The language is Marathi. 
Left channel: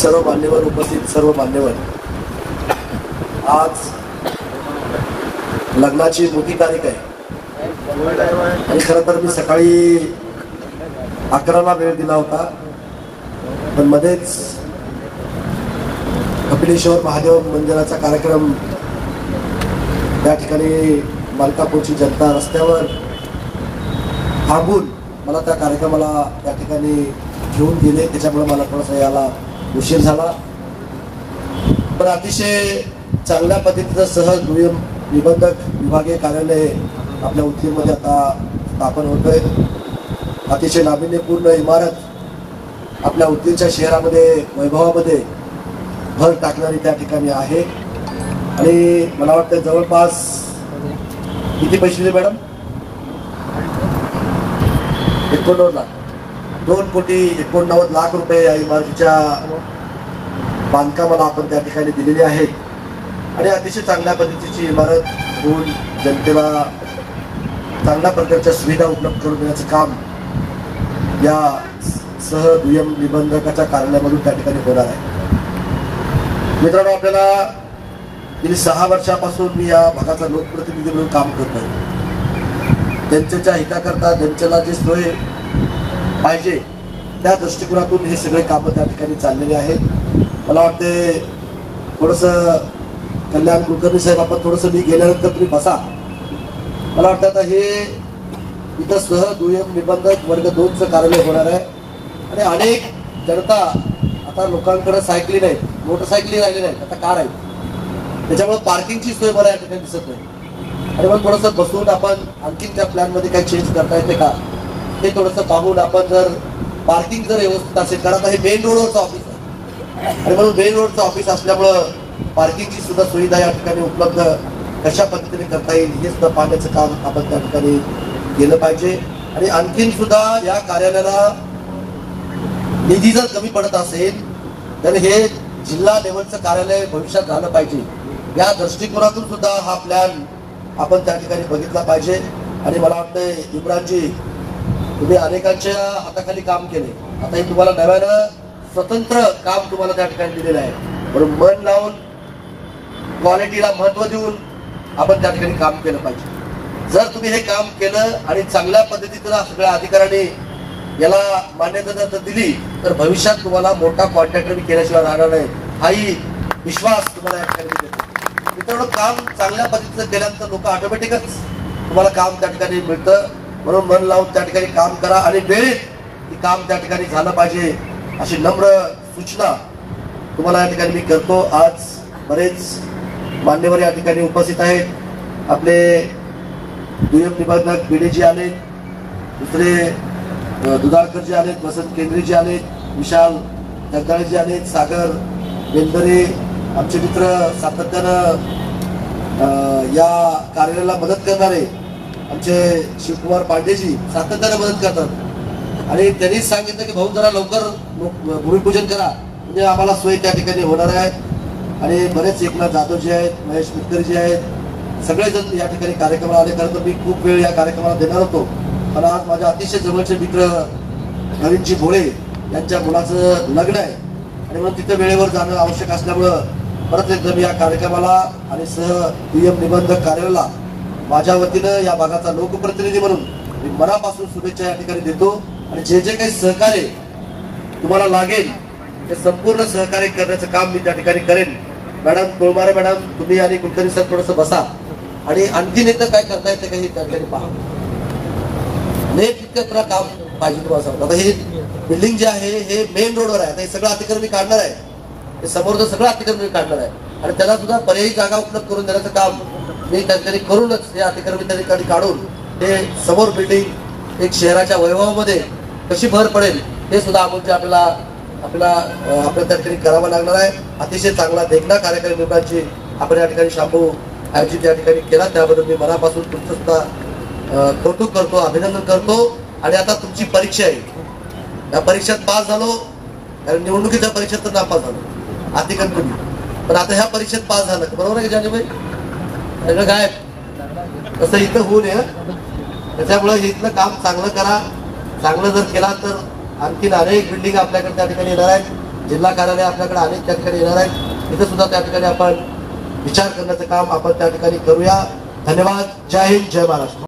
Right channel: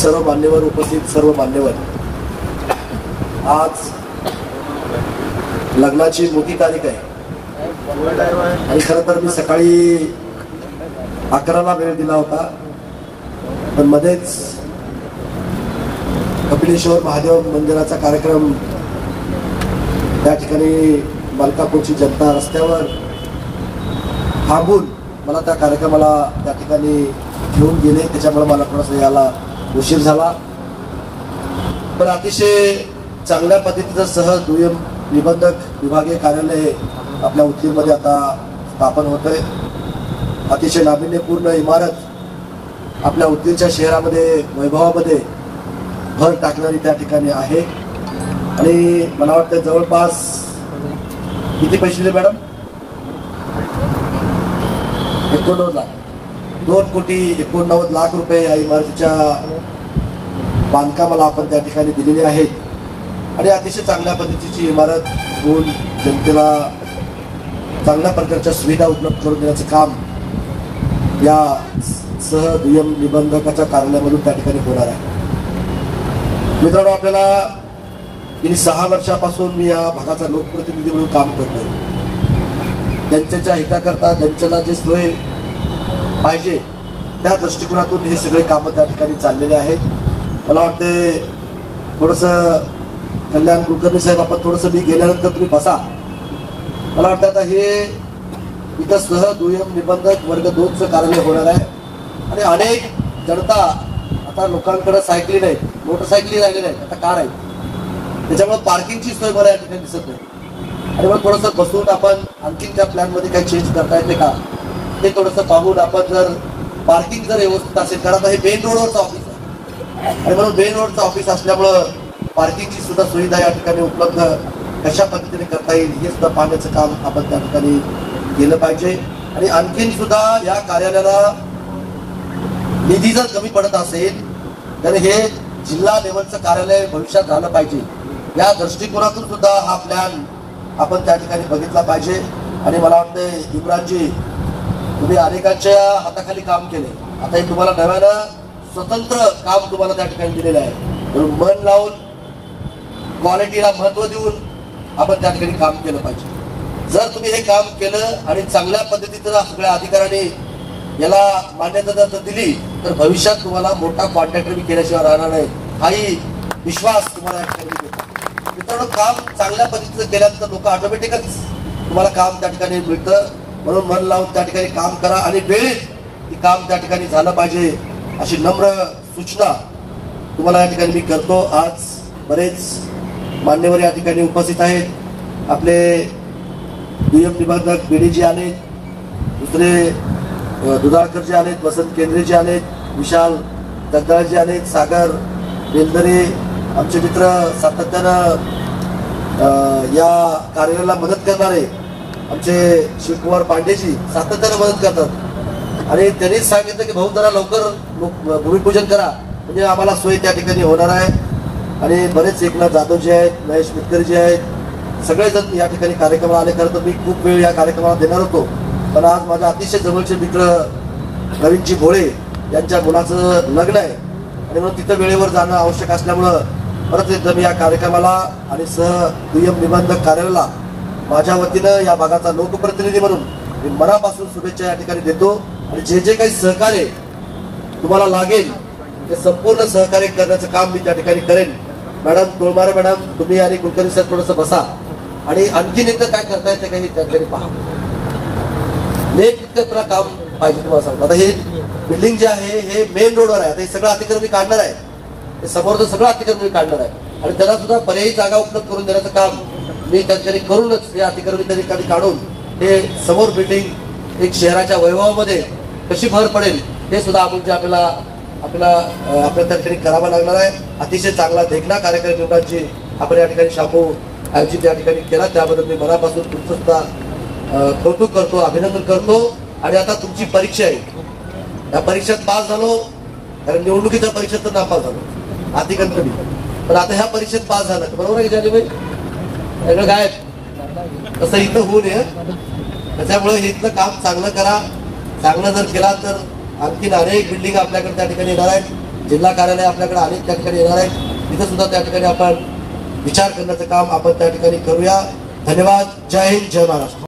सर्व मान्यवर उपस्थित सर्व मान्यवर, आज लग्नाची मोठी तारीख आहे आणि खरं तर मी सकाळी 11ला वेळ दिला होता, पण मध्येच कपिलेश्वर महादेव मंदिराचा कार्यक्रम त्या ठिकाणी मलकापूरची जनता रस्त्यावर थांबून मला त्या कार्यक्रमाला त्या ठिकाणी घेऊन गेले. त्याच्यामुळे मला थोडासा याला उशीर झाला, पण अतिशय चांगल्या पद्धतीचं सहज दुय्यम निबंधक विभागीय कार्यालय आपल्या उदगीरमध्ये आता स्थापन होत आहे. अतिशय नाविन्यपूर्ण इमारत आपल्या उदगीरच्या शहरामध्ये वैभवामध्ये भर टाकणारी त्या ठिकाणी आहे. आणि मला वाटतं जवळपास किती पैसे दिले मॅडम? 2,89,00,000 रुपये या इमारतीच्या बांधकामाला आपण त्या ठिकाणी दिलेले आहेत. आणि अतिशय चांगल्या पद्धतीची इमारत होऊन जनतेला चांगल्या प्रकारच्या सुविधा उपलब्ध करून देण्याचं काम या सह दुय्यम निबंधकाच्या कार्यालयामधून त्या ठिकाणी होणार आहे. मित्रांनो, आपल्याला गेली 6 वर्षापासून मी या भागाचा लोकप्रतिनिधी म्हणून काम करतोय. जनतेच्या हिताकरता जनतेला जे सोय पाहिजे त्या दृष्टिकोनातून हे सगळे कामं त्या ठिकाणी चाललेले आहेत. मला वाटते थोडस कल्याण कुलकर्णी साहेब, आपण थोडस मी गेल्यानंतर तुम्ही बसा. मला वाटतं आता हे इथं सह दुय्यम निबंधक वर्ग 2चं कार्यालय होणार आहे. आणि अनेक जनता आता लोकांकडे सायकली नाहीत, मोटरसायकली राहिले नाहीत, आता कार आहेत. त्याच्यामुळे पार्किंगची सोय बऱ्या या ठिकाणी दिसत नाही. आणि मग थोडंसं बसून आपण आणखी त्या प्लॅन मध्ये काही चेंज करता येते का ते थोडंसं पाहून आपण जर पार्किंग जर व्यवस्थित असेल, कारण हे मेन रोडवरचं ऑफिस आहे आणि म्हणून मेन रोडचं ऑफिस असल्यामुळं पार्किंगची सुद्धा सुविधा या ठिकाणी उपलब्ध कशा पद्धतीने करता येईल हे सुद्धा पाहण्याचं काम आपण त्या ठिकाणी केलं पाहिजे. आणि आणखीन सुद्धा या कार्यालयाला निधी जर कमी पडत असेल तर हे जिल्हा लेवलचं कार्यालय भविष्यात झालं पाहिजे. या दृष्टिकोनातून सुद्धा हा प्लॅन आपण त्या ठिकाणी बघितला पाहिजे. आणि मला वाटतं इम्रानजी, तुम्ही अनेकांच्या हाताखाली काम केले, आता हे तुम्हाला नव्यानं स्वतंत्र काम तुम्हाला त्या ठिकाणी दिलेलं आहे. म्हणून मन लावून क्वालिटीला महत्व देऊन आपण त्या ठिकाणी काम केलं पाहिजे. जर तुम्ही हे काम केलं आणि चांगल्या पद्धतीनं सगळ्या अधिकाऱ्यांनी याला मान्यता जर दिली तर भविष्यात तुम्हाला मोठा कॉन्ट्रॅक्टर मी केल्याशिवाय राहणार नाही, हाही विश्वास तुम्हाला या ठिकाणी देतो. मित्रांनो, काम चांगल्या पद्धतीनं केल्यानंतर लोक ऑटोमॅटिकच तुम्हाला काम त्या ठिकाणी मिळतं. म्हणून मन लावून त्या ठिकाणी काम करा आणि वेळेत हे काम त्या ठिकाणी झालं पाहिजे अशी नम्र सूचना तुम्हाला या ठिकाणी मी करतो. आज बरेच मान्यवर या ठिकाणी उपस्थित आहेत. आपले दुय्यम निबंधक बीडीजी आले, दुसरे दुधाळकरजी आलेत, वसंत केंद्रेजी आलेत, विशाल जगदाळजी आलेत, सागर बेलदरे, आमचे मित्र सातत्यानं या कार्यालयाला मदत करणारे आमचे शिवकुमार पांडेजी सातत्यानं मदत करतात. आणि त्यांनीच सांगितलं की भाऊ जरा लवकर भूमिपूजन करा म्हणजे आम्हाला सोय त्या ठिकाणी होणार आहे. आणि बरेच एकनाथ जाधवजी आहेत, महेश मिटकरजी आहेत, सगळेजण या ठिकाणी कार्यक्रमाला आले. खरं तर मी खूप वेळ या कार्यक्रमाला देणार होतो, पण आज माझ्या अतिशय जवळचे मित्र नवीनजी भोळे यांच्या मुलाचं लग्न आहे आणि म्हणून तिथं वेळेवर जाणं आवश्यक असल्यामुळं परत एकदा मी या कार्यक्रमाला आणि सह दुय्यम निबंधक कार्यालयाला माझ्या वतीनं या भागाचा लोकप्रतिनिधी म्हणून मी मनापासून शुभेच्छा या ठिकाणी देतो. आणि जे जे काही सहकार्य तुम्हाला लागेल ते संपूर्ण सहकार्य करण्याचं काम मी त्या ठिकाणी करेन. मॅडम कोळमारे मॅडम, तुम्ही आणि कुलकर्णी सर थोडंसं बसा आणि आणखीन एकदा काय करता येते काही त्या ठिकाणी पहा. तुला काम पाहिजे तुम्हाला सांगतो. आता हे बिल्डिंग जे आहे हे मेन रोडवर आहे. आता हे सगळं अतिक्रमण मी काढणार आहे, हे समोरचं सगळं अतिक्रमण मी काढणार आहे आणि त्याला सुद्धा पर्यायी जागा उपलब्ध करून देण्याचं काम मी त्या ठिकाणी करूनच हे अतिक्रमण त्या ठिकाणी काढून हे समोर बिल्डिंग एक शहराच्या वैभवामध्ये कशी भर पडेल हे सुद्धा आपण आपण त्या ठिकाणी करावा लागणार आहे. अतिशय चांगला देखणा कार्यक्रम लोकांची आपण या ठिकाणी शांभू आयोजित या ठिकाणी केला, त्याबद्दल मी मनापासून तुमचं सुद्धा कौतुक करतो, अभिनंदन करतो. आणि आता तुमची परीक्षा आहे, या परीक्षेत पास झालो, कारण निवडणुकीच्या परीक्षेत तर नापास झालो अतिक्रमणी, पण आता ह्या परीक्षेत पास झालं, बरोबर आहे का जानेबाई? सगळं गायब तसं इथं होऊ नये. त्याच्यामुळे इथलं काम चांगलं करा. चांगलं जर केला तर आणखीन अनेक बिल्डिंग आपल्याकडे त्या ठिकाणी येणार आहेत. जिल्हा कार्यालय आपल्याकडे अनेक त्या ठिकाणी येणार आहे, तिथे सुद्धा त्या ठिकाणी आपण विचार करण्याचं काम आपण त्या ठिकाणी करूया. धन्यवाद. जय हिंद, जय महाराष्ट्र.